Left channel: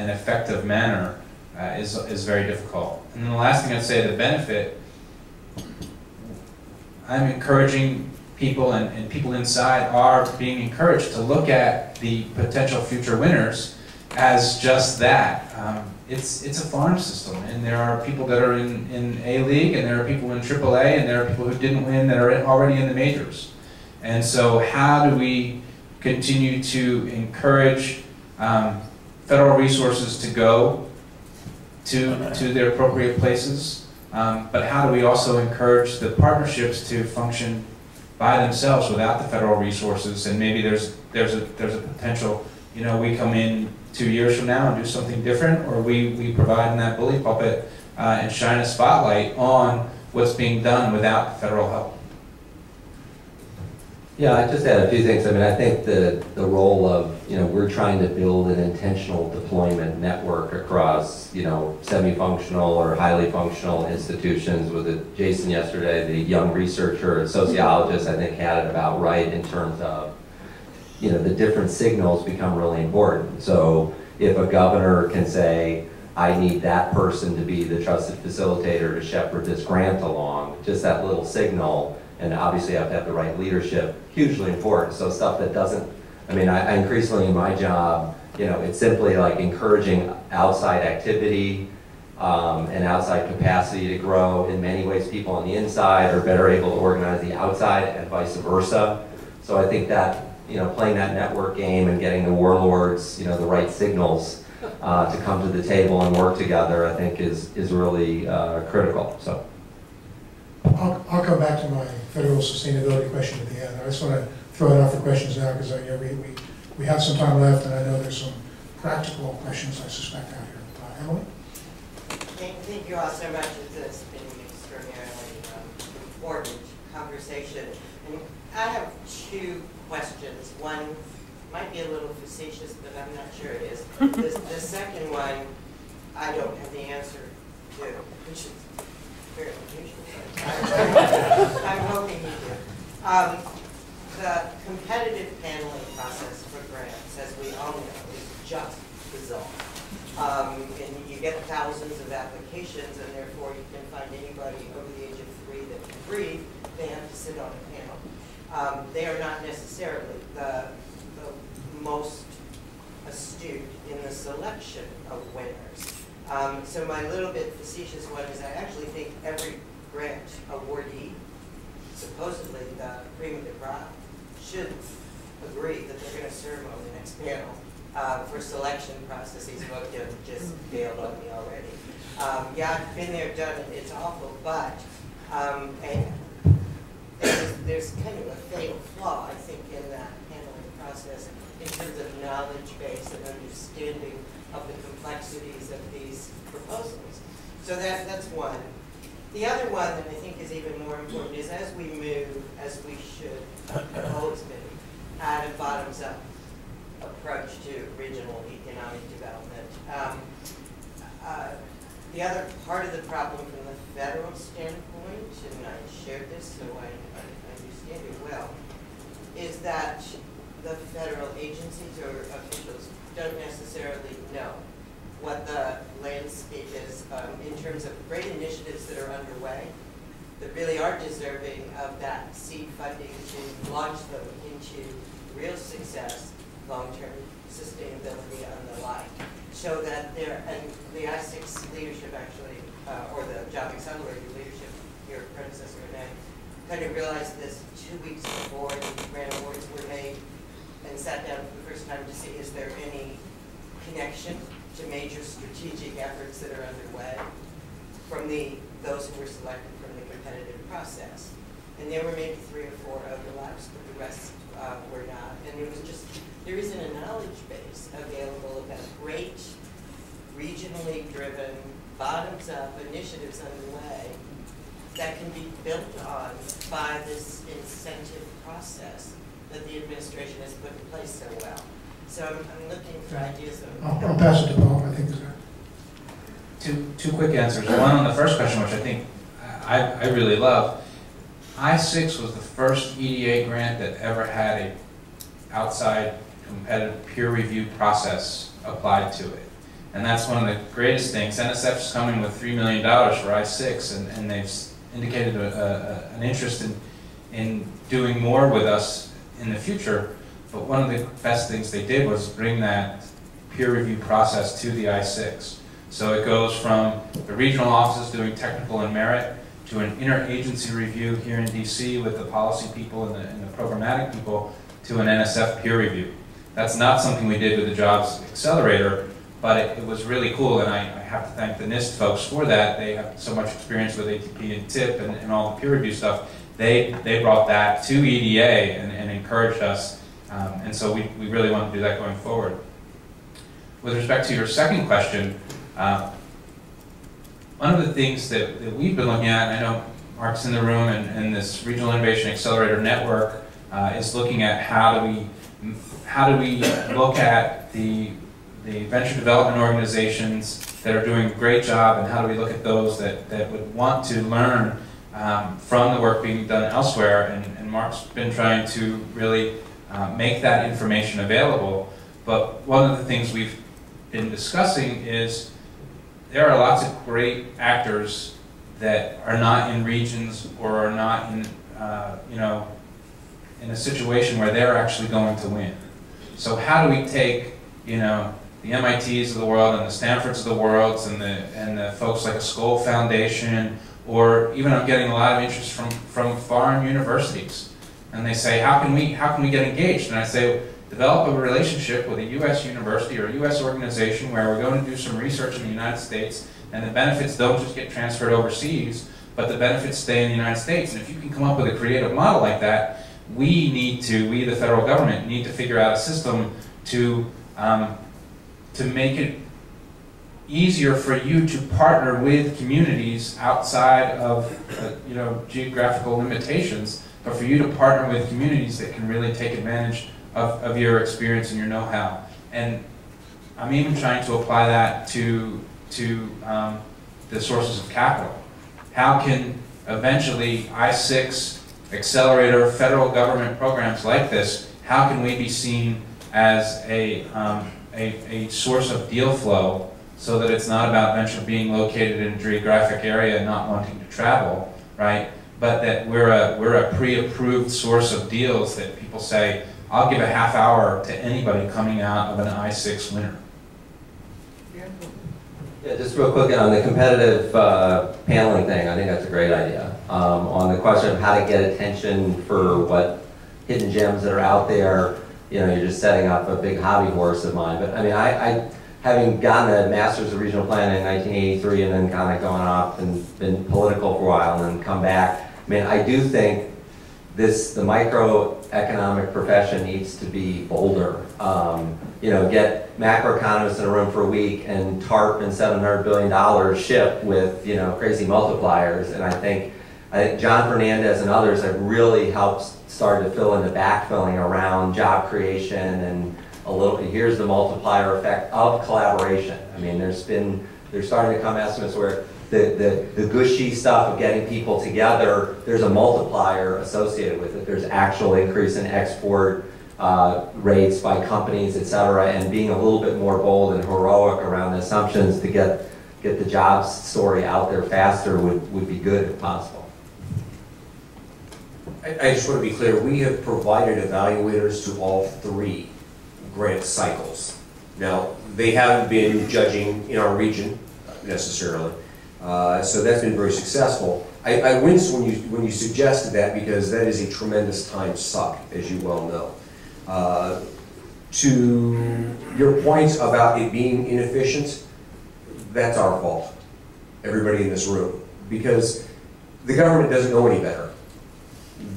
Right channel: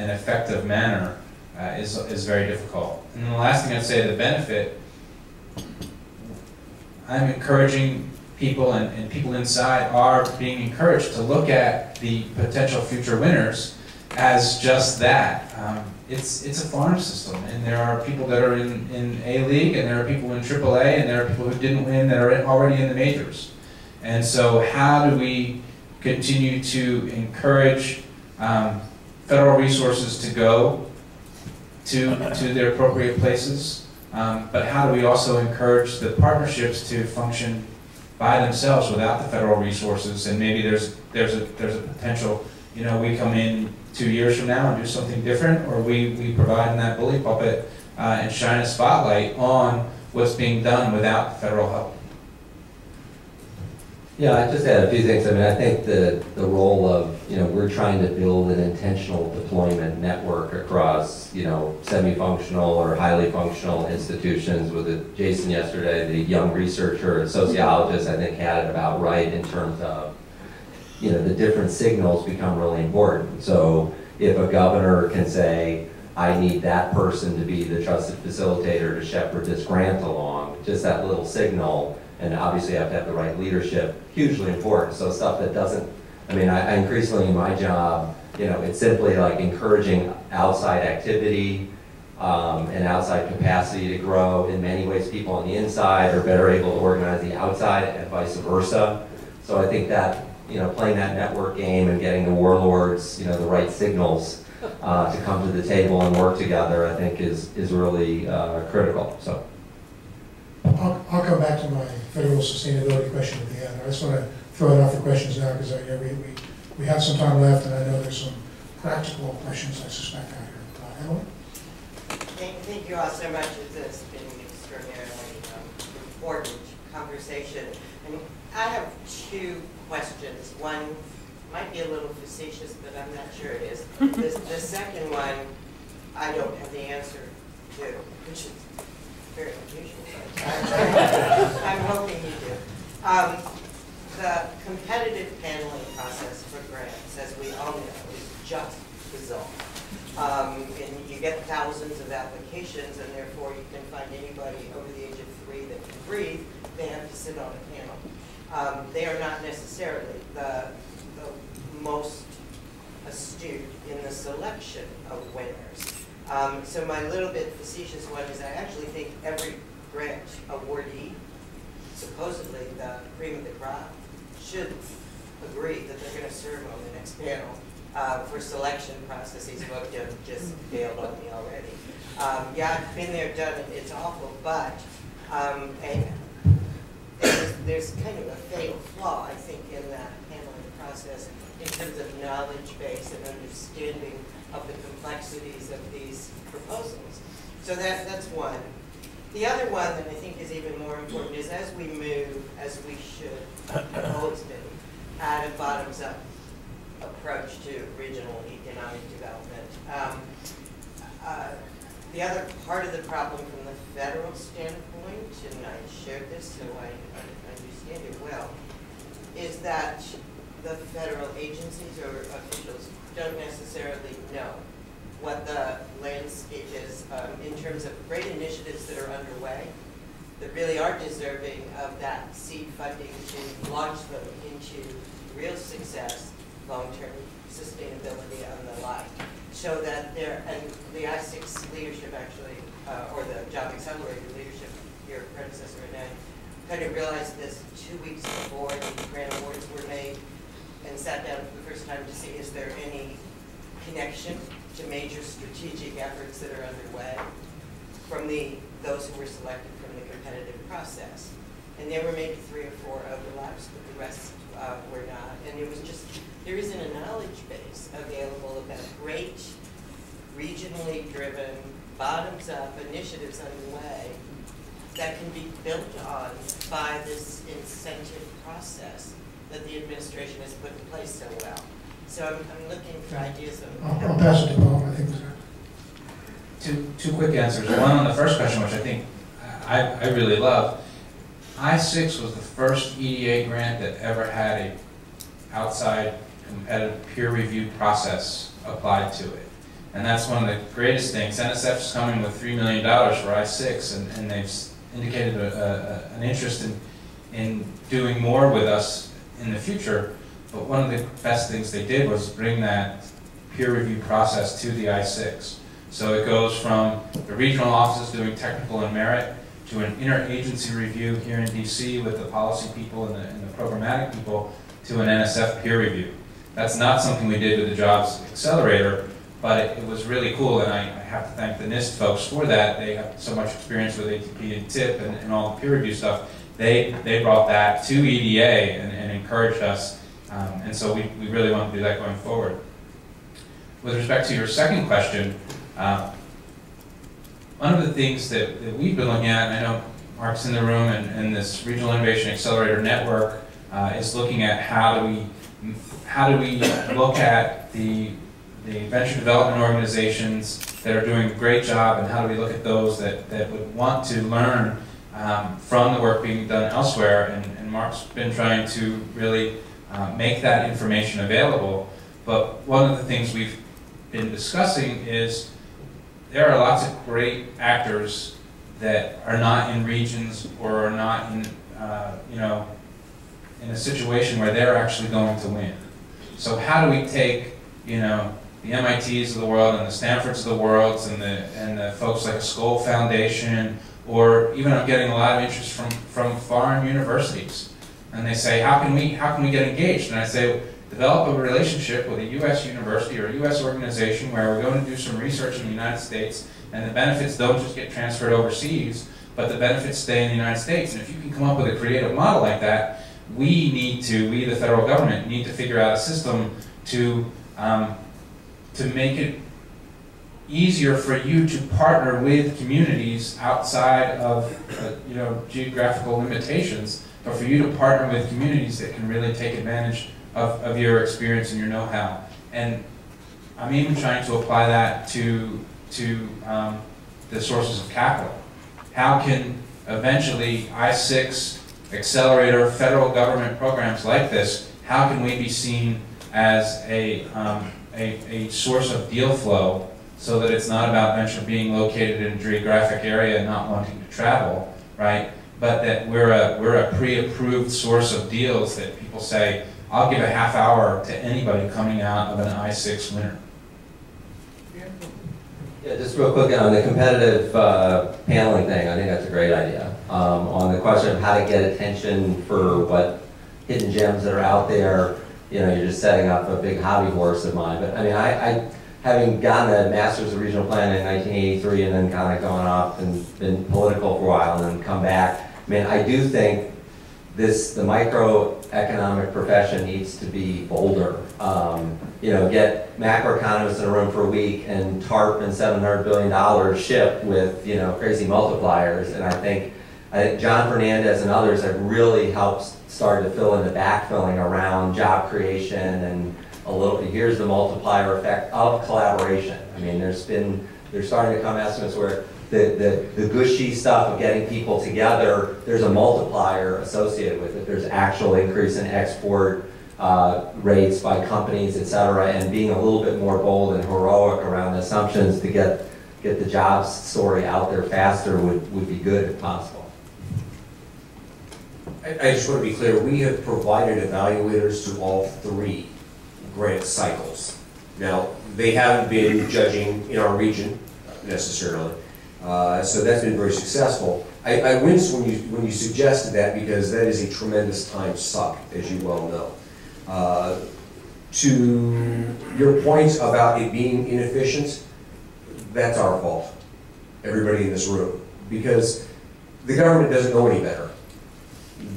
an effective manner is very difficult. And then the last thing I'd say, the benefit, I'm encouraging people, and people inside are being encouraged to look at the potential future winners as just that. It's a farm system, and there are people that are in A-League, and there are people in AAA, and there are people who didn't win that are already in the majors. And so how do we continue to encourage federal resources to go to their appropriate places, but how do we also encourage the partnerships to function by themselves without the federal resources? And maybe there's a potential, you know, we come in 2 years from now and do something different, or we provide in that bully pulpit and shine a spotlight on what's being done without the federal help. Yeah, I just add a few things. I mean, I think the role of, you know, we're trying to build an intentional deployment network across, you know, semi-functional or highly functional institutions. With Jason yesterday, the young researcher and sociologist, I think had it about right in terms of, you know, the different signals become really important. So if a governor can say, I need that person to be the trusted facilitator to shepherd this grant along, just that little signal, and obviously you have to have the right leadership, hugely important. So stuff that doesn't, I mean, I increasingly in my job, you know, it's simply like encouraging outside activity and outside capacity to grow. In many ways, people on the inside are better able to organize the outside and vice versa. So I think that, you know, playing that network game and getting the warlords, you know, the right signals to come to the table and work together, I think is really critical. So. I'll come back to my federal sustainability question at the end. I just want to throw it out for questions now because you know, we have some time left, and I know there's some practical questions I suspect out here. Emily? Thank you all so much. It's been an extraordinarily important conversation. And I have two questions. One might be a little facetious, but I'm not sure it is. The second one, I don't have the answer to, which is very unusual. I'm hoping you do. The competitive paneling process for grants, as we all know, is just bizarre. And you get thousands of applications, and therefore you can find anybody over the age of 3 that can breathe. They have to sit on a panel. They are not necessarily the most astute in the selection of winners. So my little bit facetious one is I actually think every grant awardee, supposedly the cream of the crop, should agree that they're going to serve on the next panel for selection processes. Both just bailed on me already. Yeah, I've been there, done it. It's awful, but there's kind of a fatal flaw, I think, in that paneling process in terms of knowledge base and understanding of the complexities of these proposals. So that's one. The other one that I think is even more important is as we move, as we should have always been, at a bottoms-up approach to regional economic development. The other part of the problem from the federal standpoint, and I shared this so I understand it well, is that the federal agencies or officials don't necessarily know what the landscape is in terms of great initiatives that are underway that really are deserving of that seed funding to launch them into real success, long-term sustainability and the like. So that there, and the I-6 leadership actually, or the Job Accelerator leadership, your predecessor Rena, kind of realized this 2 weeks before the grant awards were made and sat down for the first time to see is there any connection to major strategic efforts that are underway from those who were selected from the competitive process. And there were maybe 3 or 4 overlaps, but the rest were not. And it was just, there isn't a knowledge base available about great, regionally driven, bottoms-up initiatives underway that can be built on by this incentive process that the administration has put in place so well. So I'm looking for ideas of... I'll pass it to Bob, I think. Two quick answers. One on the first question, which I think I really love. I-6 was the first EDA grant that ever had a outside competitive peer review process applied to it. And that's one of the greatest things. NSF's coming with $3 million for I-6, and they've indicated an interest in doing more with us in the future. But one of the best things they did was bring that peer review process to the I-6. So it goes from the regional offices doing technical and merit to an interagency review here in DC with the policy people and the programmatic people to an NSF peer review. That's not something we did with the Jobs Accelerator, but it was really cool, and I have to thank the NIST folks for that. They have so much experience with ATP and TIP and all the peer review stuff. They brought that to EDA and encouraged us, and so we really want to do that going forward. With respect to your second question, one of the things that we've been looking at, and I know Mark's in the room, and this Regional Innovation Accelerator Network is looking at how do we look at the venture development organizations that are doing a great job, and how do we look at those that would want to learn from the work being done elsewhere. And Mark's been trying to really make that information available. But one of the things we've been discussing is there are lots of great actors that are not in regions or are not in, in a situation where they're actually going to win. So how do we take, the MITs of the world and the Stanfords of the world and the folks like a Skoll Foundation, or even I'm getting a lot of interest from foreign universities, and they say, how can we get engaged? And I say, develop a relationship with a U.S. university or a U.S. organization where we're going to do some research in the United States, and the benefits don't just get transferred overseas, but the benefits stay in the United States. And if you can come up with a creative model like that, we, the federal government, need to figure out a system to make it easier for you to partner with communities outside of geographical limitations, but for you to partner with communities that can really take advantage of your experience and your know-how. And I'm even trying to apply that to the sources of capital. How can eventually I-6 accelerator federal government programs like this, how can we be seen as a source of deal flow, so that it's not about venture being located in a geographic area and not wanting to travel, right? But that we're a pre-approved source of deals that people say, I'll give a half hour to anybody coming out of an I-6 winner. Yeah, just real quick on the competitive paneling thing, I think that's a great idea. On the question of how to get attention for what hidden gems that are out there, you're just setting up a big hobby horse of mine. But I mean, I having gotten a master's of regional planning in 1983 and then kind of gone off and been political for a while and then come back, I mean, I do think the microeconomic profession needs to be bolder. Get macroeconomists in a room for a week and TARP and $700 billion ship with, crazy multipliers. And I think John Fernandez and others have really helped start to fill in the backfilling around job creation and here's the multiplier effect of collaboration. I mean, there's starting to come estimates where the gushy stuff of getting people together, there's a multiplier associated with it. There's actual increase in export rates by companies, et cetera, and being a little bit more bold and heroic around the assumptions to get the jobs story out there faster would be good if possible. I just want to be clear, we have provided evaluators to all 3 grant cycles. Now, they haven't been judging in our region necessarily, so that's been very successful. I winced when you suggested that, because that is a tremendous time suck, as you well know. To your point about it being inefficient, that's our fault, everybody in this room, because the government doesn't know any better.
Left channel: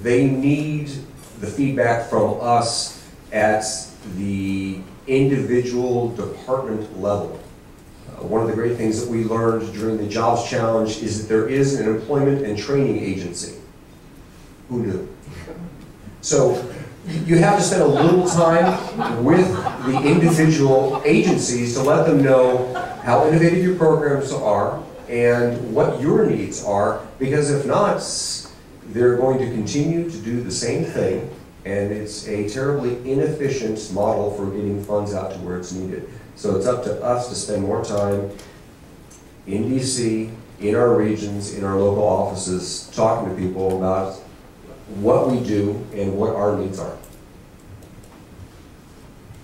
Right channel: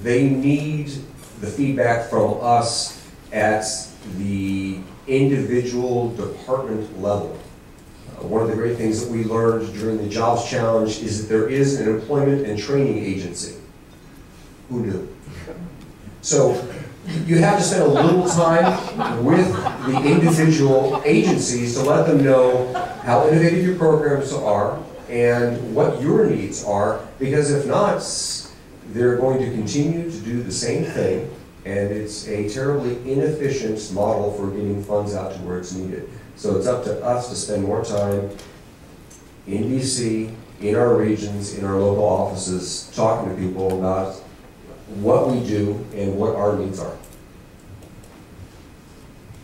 They need the feedback from us at the individual department level. One of the great things that we learned during the Jobs Challenge is that there is an employment and training agency. Who knew? So you have to spend a little time with the individual agencies to let them know how innovative your programs are and what your needs are, because if not, they're going to continue to do the same thing, and it's a terribly inefficient model for getting funds out to where it's needed. So it's up to us to spend more time in DC, in our regions, in our local offices, talking to people about what we do and what our needs are.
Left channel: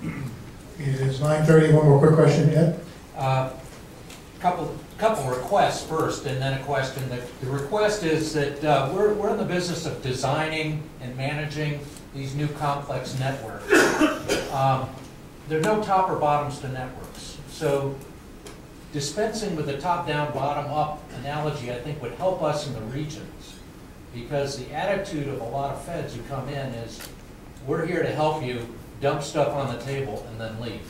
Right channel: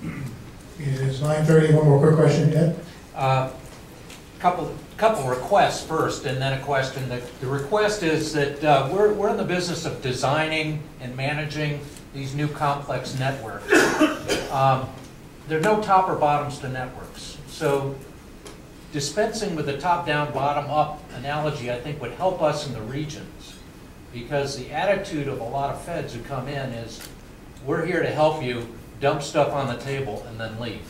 It is 9:30. One more quick question, Ed? Couple requests first, and then a question. The request is that we're in the business of designing and managing these new complex networks. There are no top or bottoms to networks, so dispensing with the top-down, bottom-up analogy, I think, would help us in the regions, because the attitude of a lot of feds who come in is, we're here to help you, dump stuff on the table, and then leave.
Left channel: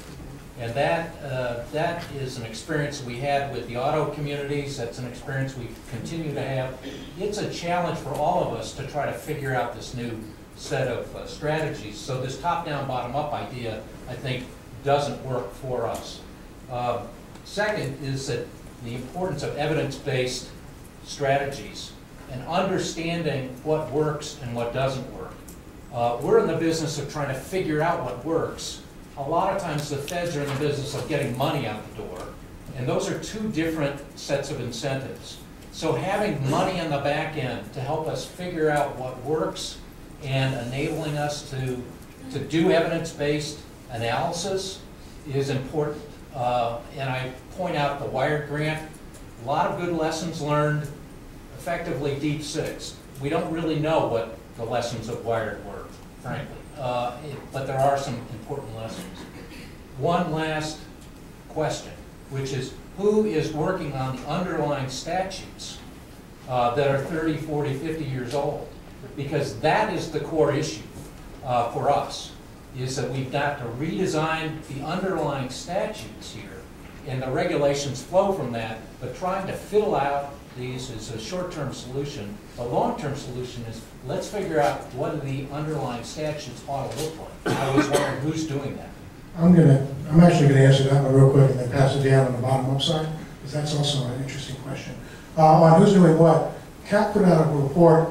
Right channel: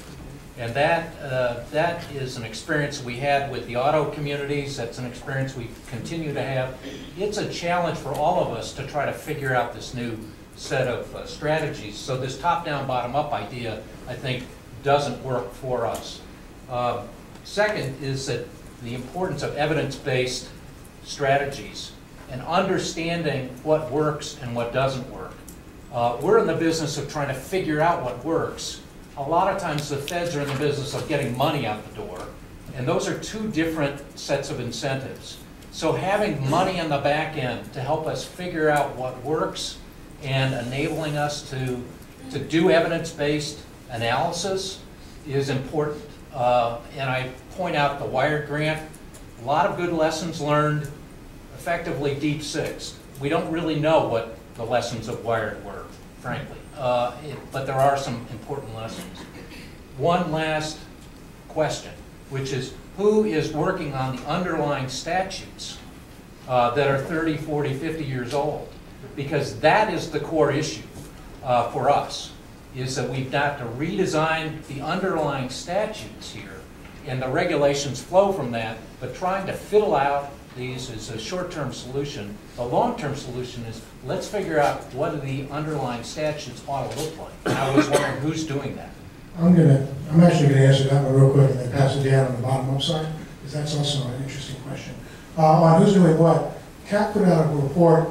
And that is an experience we had with the auto communities. That's an experience we continue to have. It's a challenge for all of us to try to figure out this new set of strategies. So this top-down, bottom-up idea, I think, doesn't work for us. Second is that the importance of evidence-based strategies and understanding what works and what doesn't work. We're in the business of trying to figure out what works. A lot of times the feds are in the business of getting money out the door, and those are two different sets of incentives. So having money on the back end to help us figure out what works and enabling us to do evidence-based analysis is important. And I point out the Wired grant, a lot of good lessons learned, effectively deep sixed. We don't really know what the lessons of Wired were, frankly. But there are some important lessons. One last question, which is, who is working on the underlying statutes that are 30, 40, 50 years old? Because that is the core issue for us, is that we've got to redesign the underlying statutes here, and the regulations flow from that, but trying to fiddle out these is a short-term solution. The long-term solution is, let's figure out what the underlying statutes ought to look like. I was wondering who's doing that. I'm actually gonna answer that one real quick and then pass it down on the bottom-up side, because that's also an interesting question. On who's doing what, CAP put out a report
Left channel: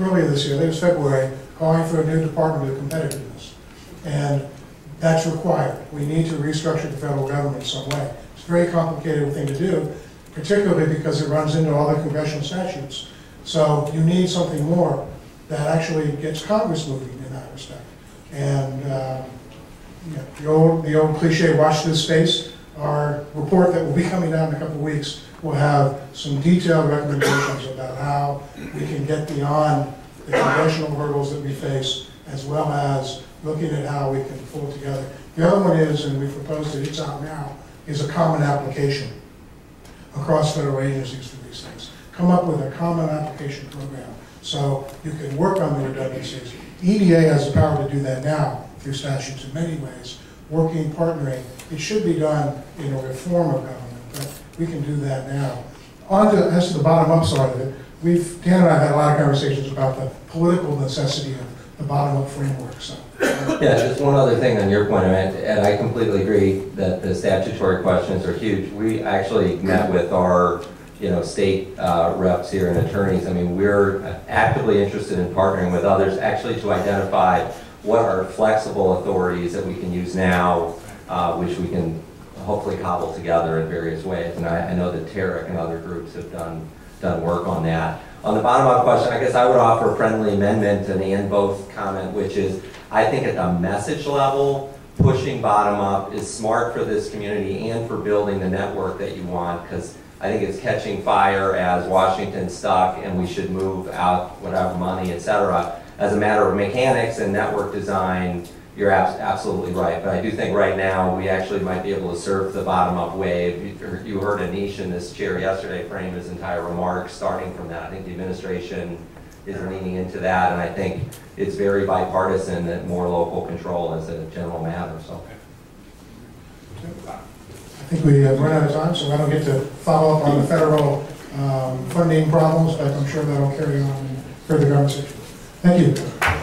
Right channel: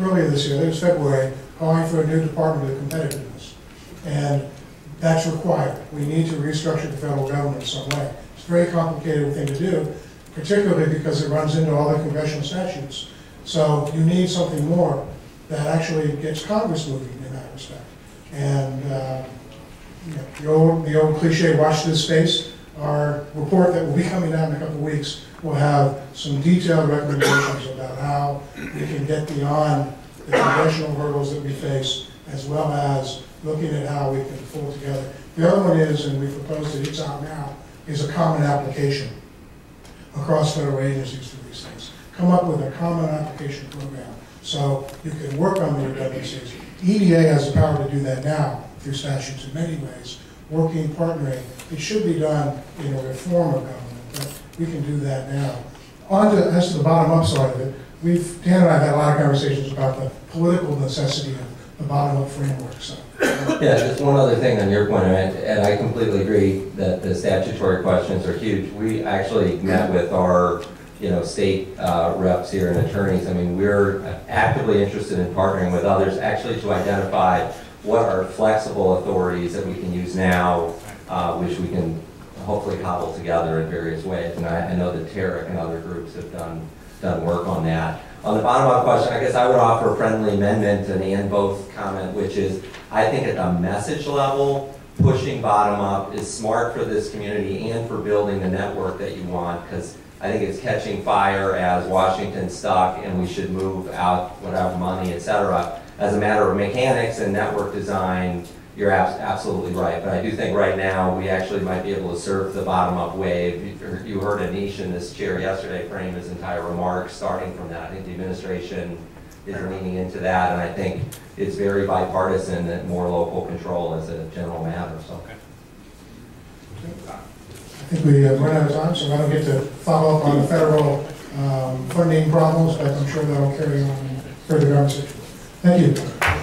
earlier this year, I think it was February, calling for a new Department of Competitiveness. And that's required. We need to restructure the federal government in some way. It's a very complicated thing to do, particularly because it runs into all the congressional statutes. So you need something more that actually gets Congress moving in that respect. And you know, the old cliche, watch this space. Our report that will be coming out in a couple of weeks will have some detailed recommendations about how we can get beyond the congressional hurdles that we face, as well as looking at how we can pull together. The other one is, and we proposed it, it's out now, is a common application across federal agencies for these things. Come up with a common application program so you can work on the redundancies. EDA has the power to do that now through statutes in many ways, working, partnering. It should be done in a reform of government, but we can do that now. As to the bottom-up side of it, Dan and I have had a lot of conversations about the political necessity of the bottom-up framework. So. Yeah, just one other thing on your point, and I completely agree that the statutory questions are huge. We actually met with our state reps here and attorneys. I mean, we're actively interested in partnering with others actually to identify what are flexible authorities that we can use now, which we can hopefully cobble together in various ways. And I know that Tarek and other groups have done work on that. On the bottom-up question, I guess I would offer a friendly amendment and both comment, which is, I think at the message level, pushing bottom-up is smart for this community and for building the network that you want, because I think it's catching fire as Washington's stuck and we should move out whatever money, et cetera. As a matter of mechanics and network design, you're absolutely right. But I do think right now we actually might be able to surf the bottom-up wave. You heard Anish in this chair yesterday frame his entire remarks starting from that. I think the administration is leaning into that, and I think it's very bipartisan that more local control is a general matter. So. I think we run out of time, so I don't get to follow up on the federal funding problems, but I'm sure that'll carry on in further conversation. Thank you.